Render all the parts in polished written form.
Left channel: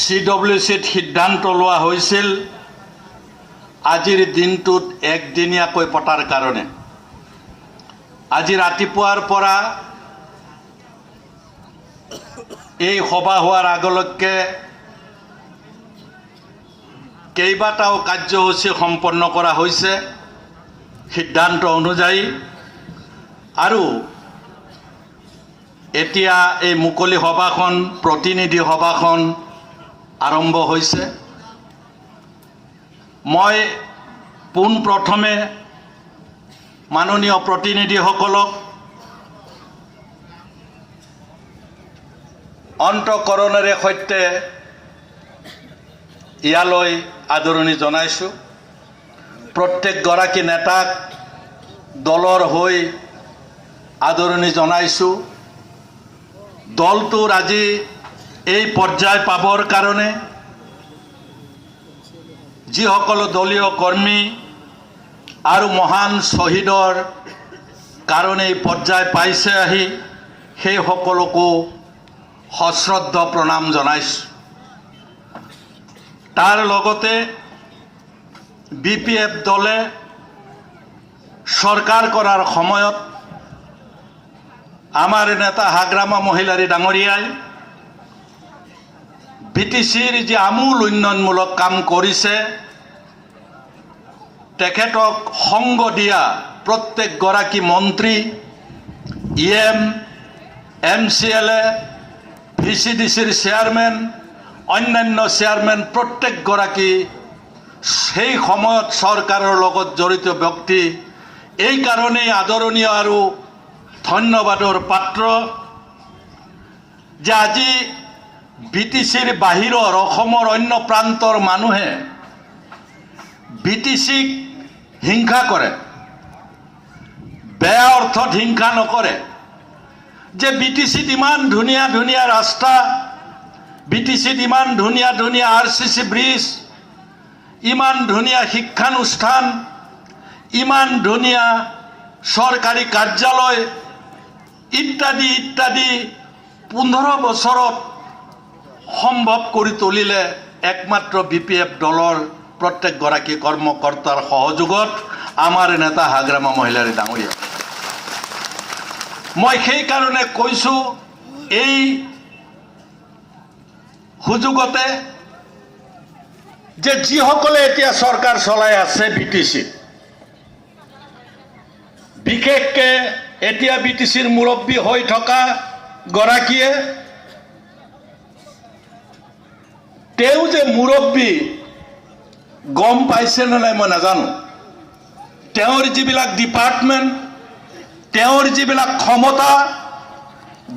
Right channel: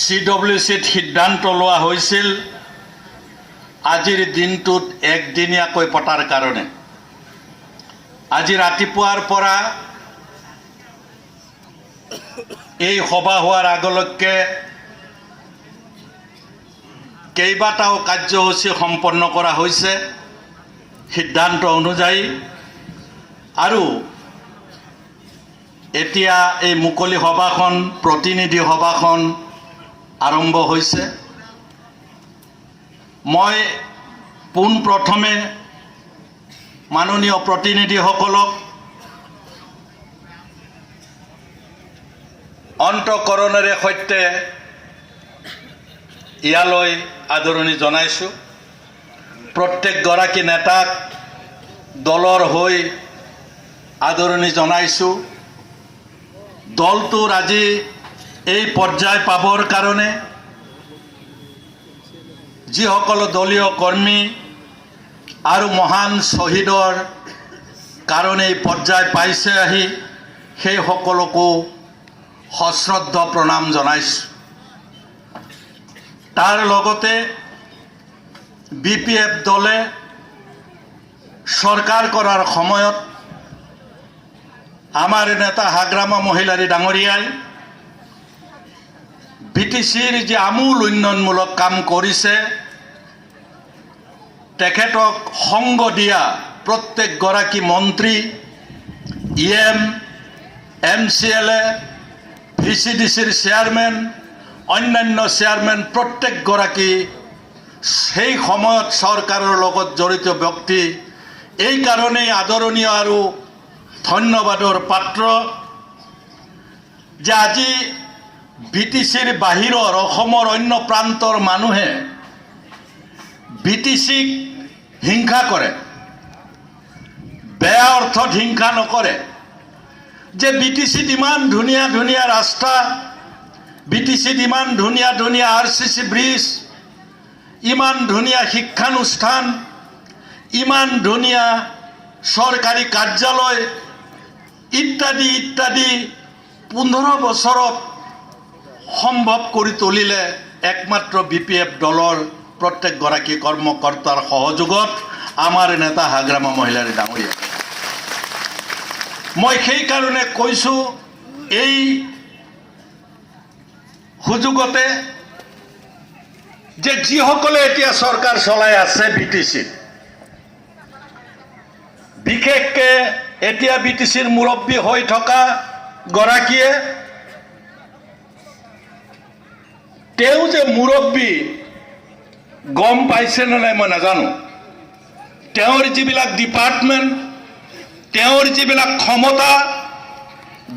CWCত সিদ্ধান্ত লোৱা হৈছিল আজিৰ দিনটোত একদিনীয়াকৈ পতাৰ কাৰণে। আজি ৰাতিপুৱাৰ পৰা এই সভা হোৱাৰ আগলৈকে কেইবাটাও কাৰ্যসূচী সম্পন্ন কৰা হৈছে সিদ্ধান্ত অনুযায়ী, আৰু এতিয়া এই মুকলি সভাখন প্ৰতিনিধি সভাখন আৰম্ভ হৈছে। মই পোনপ্ৰথমে মাননীয় প্ৰতিনিধিসকলক অন্তঃকৰণেৰে সৈতে ইয়ালৈ আদৰণি জনাইছোঁ। প্ৰত্যেকগৰাকী নেতাক দলৰ হৈ আদৰণি জনাইছোঁ। দলটোৰ আজি এই পৰ্যায় পাবৰ কাৰণে যিসকল দলীয় কৰ্মী আৰু মহান শ্বহীদৰ কাৰণে এই পৰ্যায় পাইছে আহি সেই সকলকো সশ্ৰদ্ধ প্ৰণাম জনাইছোঁ। তাৰ লগতে BPF দলে চৰকাৰ কৰাৰ সময়ত আমাৰ নেতা হাগ্ৰামা মহিলাৰী ডাঙৰীয়াই BTCৰ যে আমূল উন্নয়নমূলক কাম কৰিছে, তেখেতক সংগ দিয়া প্ৰত্যেকগৰাকী মন্ত্ৰী, EM, MCLA, VCDCৰ চেয়াৰমেন, অন্যান্য চেয়াৰমেন প্ৰত্যেকগৰাকী সেই সময়ত চৰকাৰৰ লগত জড়িত ব্যক্তি এই কাৰণেই আদৰণীয় আৰু ধন্যবাদৰ পাত্ৰ যে আজি BTCৰ বাহিৰৰ অসমৰ অন্য প্ৰান্তৰ মানুহে BTCক হিংসা কৰে, বেয়া অৰ্থত হিংসা নকৰে। যে BTCত ইমান ধুনীয়া ধুনীয়া ৰাস্তা, BTCত ইমান ধুনীয়া ধুনীয়া RCC ব্ৰিজ, ইমান ধুনীয়া শিক্ষানুষ্ঠান, ইমান ধুনীয়া চৰকাৰী কাৰ্যালয় ইত্যাদি ইত্যাদি 15 বছৰত সম্ভৱ কৰি তুলিলে একমাত্ৰ BPF দলৰ প্ৰত্যেকগৰাকী কৰ্মকৰ্তাৰ সহযোগত আমাৰ নেতা হাগ্ৰামা মহিলাৰী ডাঙৰীয়া। মই সেইকাৰণে কৈছোঁ এই সুযোগতে যে যিসকলে এতিয়া চৰকাৰ চলাই আছে BTC, বিশেষকৈ এতিয়া BTCৰ মুৰব্বী হৈ থকা গৰাকীয়ে, তেওঁ যে মুৰব্বী গম পাইছে নে নাই মই নাজানো। তেওঁৰ যিবিলাক ডিপাৰ্টমেণ্ট, তেওঁৰ যিবিলাক ক্ষমতা,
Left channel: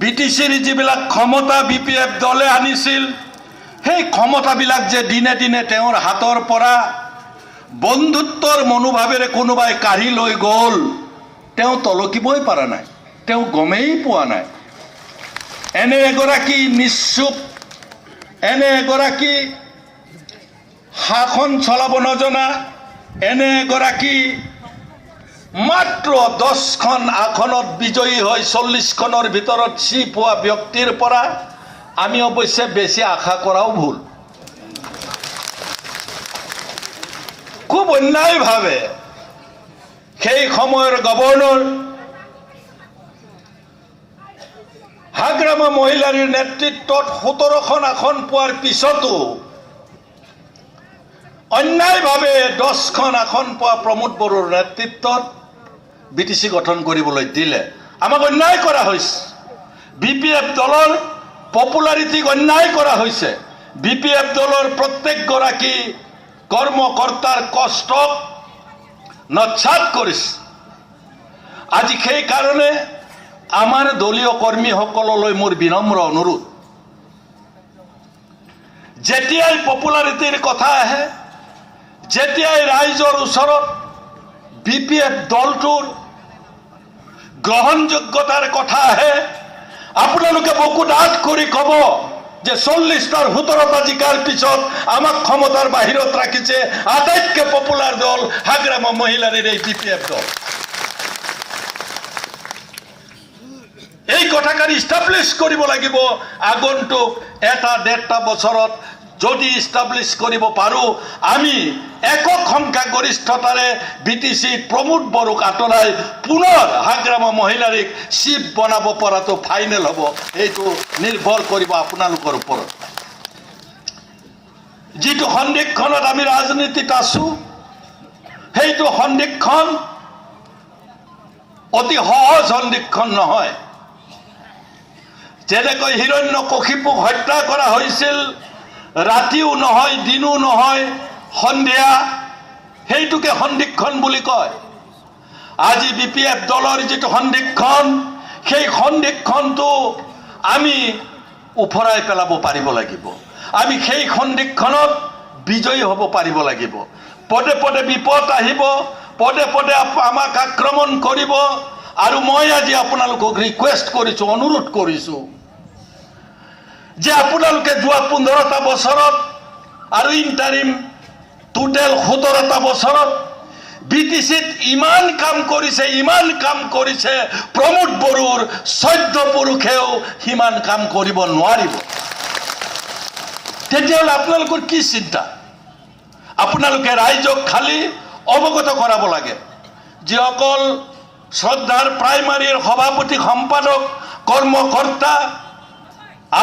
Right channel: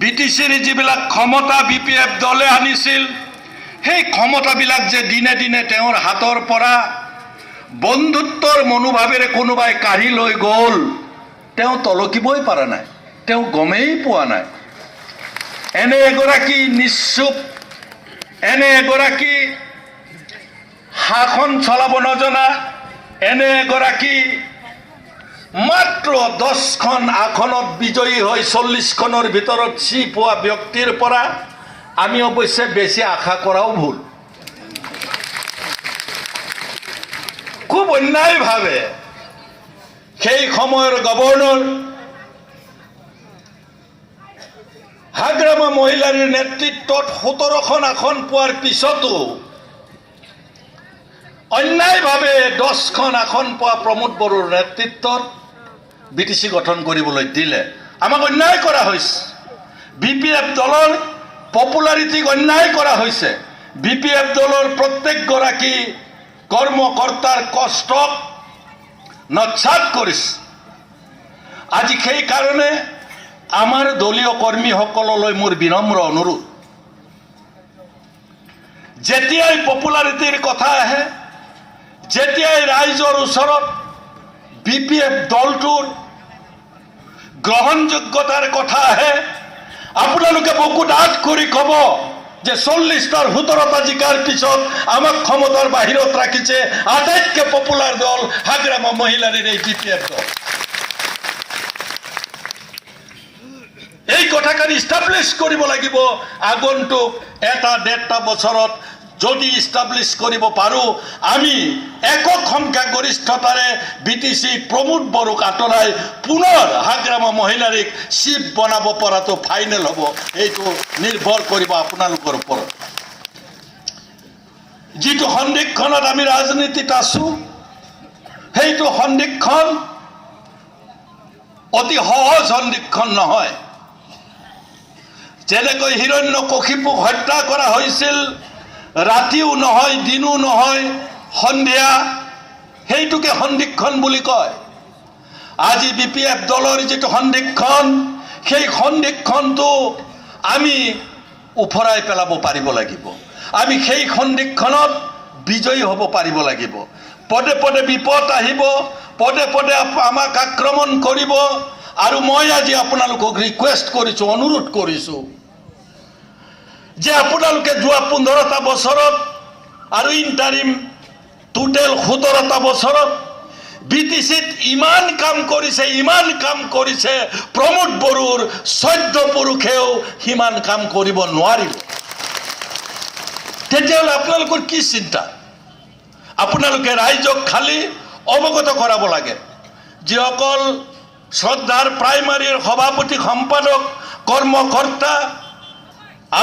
BTCৰ যিবিলাক ক্ষমতা BPF দলে আনিছিল, সেই ক্ষমতাবিলাক যে দিনে দিনে তেওঁৰ হাতৰ পৰা বন্ধুত্বৰ মনোভাৱেৰে কোনোবাই কাঢ়ি লৈ গ'ল, তেওঁ তলকিবই পৰা নাই, তেওঁ গমেই পোৱা নাই। এনে এগৰাকী নিশ্চুপ, এনে এগৰাকী শাসন চলাব নজনা, এনে এগৰাকী মাত্ৰ 10খন আসনত বিজয়ী হৈ 40খনৰ ভিতৰত চিপ হোৱা ব্যক্তিৰ পৰা আমি অৱশ্যে বেছি আশা কৰাও ভুল। খুব অন্যায়ভাৱে সেই সময়ৰ গভৰ্ণৰ হাগ্ৰামা মহিলাৰীৰ নেতৃত্বত 17খন আসন পোৱাৰ পিছতো অন্যায়ভাৱে 10খন আসন পোৱা প্ৰমোদ বড়োৰ নেতৃত্বত BTC গঠন কৰিবলৈ দিলে। আমাক অন্যায় কৰা হৈছে। BPF দলৰ পপুলাৰিটিক অন্যায় কৰা হৈছে। BPF দলৰ প্ৰত্যেকগৰাকী কৰ্মকৰ্তাৰ কষ্টক নস্যাৎ কৰিছে। আজি সেইকাৰণে আমাৰ দলীয় কৰ্মীসকললৈ মোৰ বিনম্ৰ অনুৰোধ, যেতিয়াই পপুলাৰিটিৰ কথা আহে, যেতিয়াই ৰাইজৰ ওচৰত BPF দলটোৰ গ্ৰহণযোগ্যতাৰ কথা আহে, আপোনালোকে বুকু ডাঠ কৰি ক'ব যে 40টাৰ 17টা জিকাৰ পিছত আমাক ক্ষমতাৰ বাহিৰত ৰাখিছে আটাইতকৈ পপুলাৰ দল হাগ্ৰামা মহিলাৰীৰ এই BPF দল। এই কথাখিনি ইষ্টাব্লিছ কৰিব লাগিব আগন্তুক 1-1.5 বছৰত যদি ইষ্টাব্লিছ কৰিব পাৰোঁ আমি একক সংখ্যাগৰিষ্ঠতাৰে বিটিচি প্ৰমোদ বড়োক আঁতৰাই পুনৰ হাগ্ৰামা মহিলাৰীক চিফ বনাব পৰাটো ফাইনেল হ'ব। এইটো নিৰ্ভৰ কৰিব আপোনালোকৰ ওপৰত। যিটো সন্দিক্ষণত আমি ৰাজনীতিত আছোঁ সেইটো সন্দিক্ষণ অতি সহজ সন্দিক্ষণ নহয়। যেনেকৈ হিৰণ্যকশিপুক হত্যা কৰা হৈছিল, ৰাতিও নহয় দিনো নহয় সন্ধিয়া, সেইটোকে সন্দিক্ষণ বুলি কয়। আজি BPF দলৰ যিটো সন্দিক্ষণ সেই সন্দিক্ষণটো আমি উফৰাই পেলাব পাৰিব লাগিব। আমি সেই সন্দিক্ষণত বিজয়ী হ'ব পাৰিব লাগিব। পদে পদে বিপদ আহিব, পদে পদে আমাক আক্ৰমণ কৰিব। আৰু মই আজি আপোনালোকক ৰিকুৱেষ্ট কৰিছোঁ, অনুৰোধ কৰিছোঁ যে আপোনালোকে যোৱা 15টা বছৰত আৰু ইণ্টাৰিম টোটেল 17টা বছৰত BTCত ইমান কাম কৰিছে প্ৰমোদ বড়োৰ 14 পুৰুষেও সিমান কাম কৰিব নোৱাৰিব। তেতিয়াহ'লে আপোনালোকৰ কি চিন্তা? আপোনালোকে ৰাইজক খালি অৱগত কৰাব লাগে। যিসকল শ্ৰদ্ধাৰ প্ৰাইমাৰীৰ সভাপতি সম্পাদক কৰ্মকৰ্তা,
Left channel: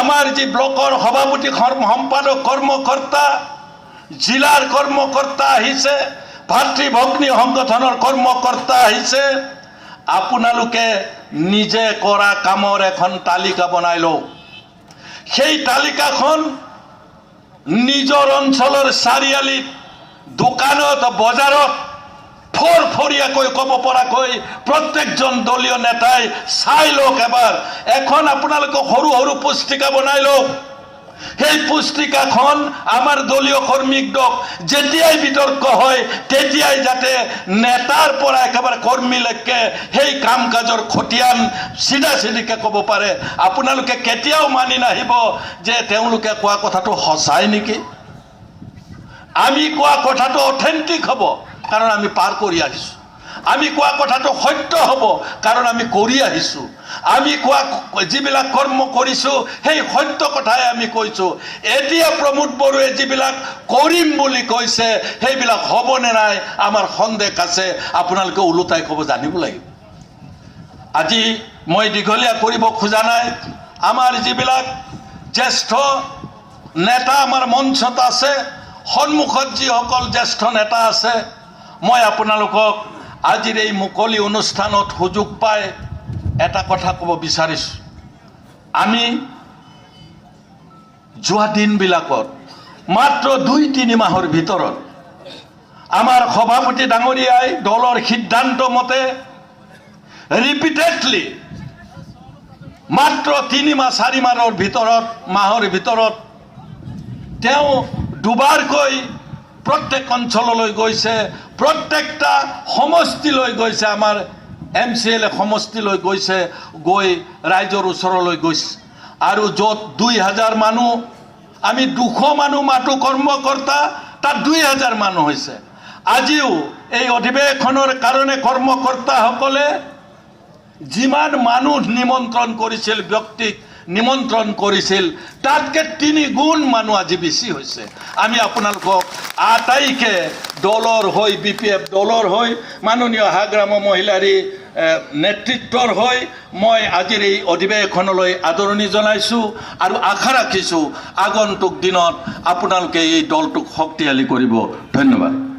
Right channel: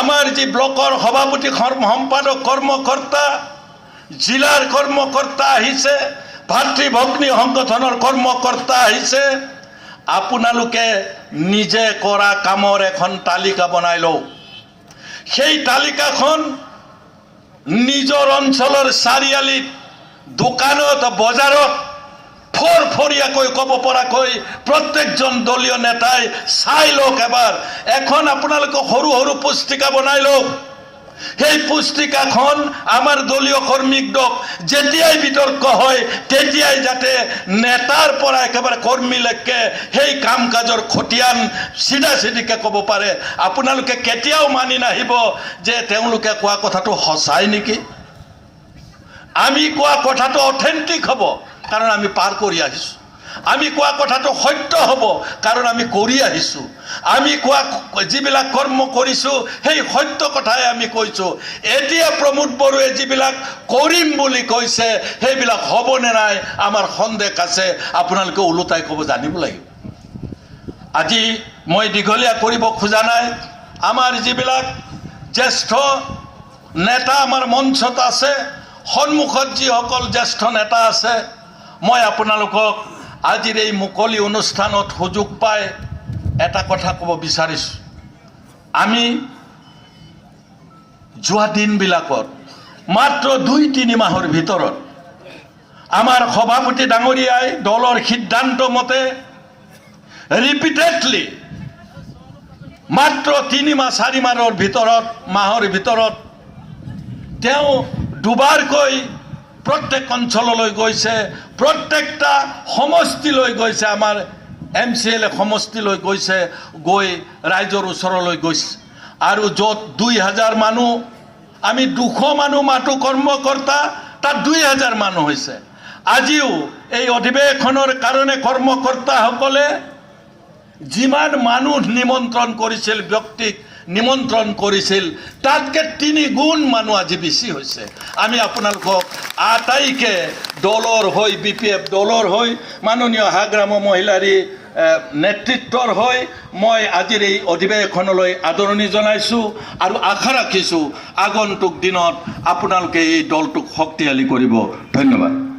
আমাৰ যি ব্লকৰ সভাপতি সম্পাদক কৰ্মকৰ্তা, জিলাৰ কৰ্মকৰ্তা আহিছে, ভাতৃ ভগ্নী সংগঠনৰ কৰ্মকৰ্তা আহিছে, আপোনালোকে নিজে কৰা কামৰ এখন তালিকা বনাই লওক। সেই তালিকাখন নিজৰ অঞ্চলৰ চাৰিআলিত, দোকানত, বজাৰত ফৰফৰীয়াকৈ ক'ব পৰাকৈ প্ৰত্যেকজন দলীয় নেতাই চাই লওক। এবাৰ এখন আপোনালোকে সৰু সৰু পুস্তিকা বনাই লওক। সেই পুস্তিকাখন আমাৰ দলীয় কৰ্মীক দিয়ক। যেতিয়াই বিতৰ্ক হয় তেতিয়াই যাতে নেতাৰ পৰা একেবাৰে কৰ্মীলৈকে সেই কাম কাজৰ খতিয়ান চিধা চিধিকে ক'ব পাৰে। আপোনালোকে কেতিয়াও মানি নাহিব যে তেওঁলোকে কোৱা কথাটো সঁচাই নেকি। আমি কোৱা কথাটো অথেণ্টিক হ'ব, কাৰণ আমি পাৰ কৰি আহিছোঁ। আমি কোৱা কথাটো সত্য হ'ব, কাৰণ আমি কৰি আহিছোঁ। আমি কোৱা যিবিলাক কৰ্ম কৰিছোঁ সেই সত্য কথাই আমি কৈছোঁ। এতিয়া প্ৰমোদ বড়োৱে যিবিলাক কৰিম বুলি কৈছে সেইবিলাক হ'বনে নাই আমাৰ সন্দেহ আছে। আপোনালোকে ওলোটাই ক'ব জানিব লাগিব। আজি মই দীঘলীয়া কৰিব খোজা নাই। আমাৰ যিবিলাক জ্যেষ্ঠ নেতা আমাৰ মঞ্চত আছে, সন্মুখত যিসকল জ্যেষ্ঠ নেতা আছে, মই আপোনালোকক আজিৰ এই মুকলি অনুষ্ঠানত সুযোগ পাই এটা কথা ক'ব বিচাৰিছোঁ। আমি যোৱা দিনবিলাকত মাত্ৰ 2-3 মাহৰ ভিতৰত আমাৰ সভাপতি ডাঙৰীয়াই দলৰ সিদ্ধান্ত মতে ৰিপিটেডলি মাত্ৰ 3-4 মাহৰ ভিতৰত তেওঁ দুবাৰকৈ প্ৰত্যেক অঞ্চললৈ গৈছে, প্ৰত্যেকটা সমষ্টিলৈ গৈছে, আমাৰ MCLA সমষ্টিলৈ গৈছে, গৈ ৰাইজৰ ওচৰলৈ গৈছে। আৰু য'ত 2000 মানুহ, আমি 200 মানুহ মাতো কৰ্মকৰ্তা, তাত 2000 মানুহ হৈছে। আজিও এই অধিৱেশনৰ কাৰণে কৰ্মকৰ্তাসকলে যিমান মানুহ নিমন্ত্ৰণ কৰিছিল, ব্যক্তিক নিমন্ত্ৰণ কৰিছিল, তাতকে 3 গুণ মানুহ আজি বেছি হৈছে। আমি আপোনালোকক আটাইকে দলৰ হৈ, BPF দলৰ হৈ, মাননীয় হাগ্ৰামা মহিলাৰী নেতৃত্বৰ হৈ মই আজিৰ এই অধিৱেশনলৈ আদৰণি জনাইছোঁ আৰু আশা ৰাখিছোঁ আগন্তুক দিনত আপোনালোকে এই দলটোক শক্তিশালী কৰিব। ধন্যবাদ।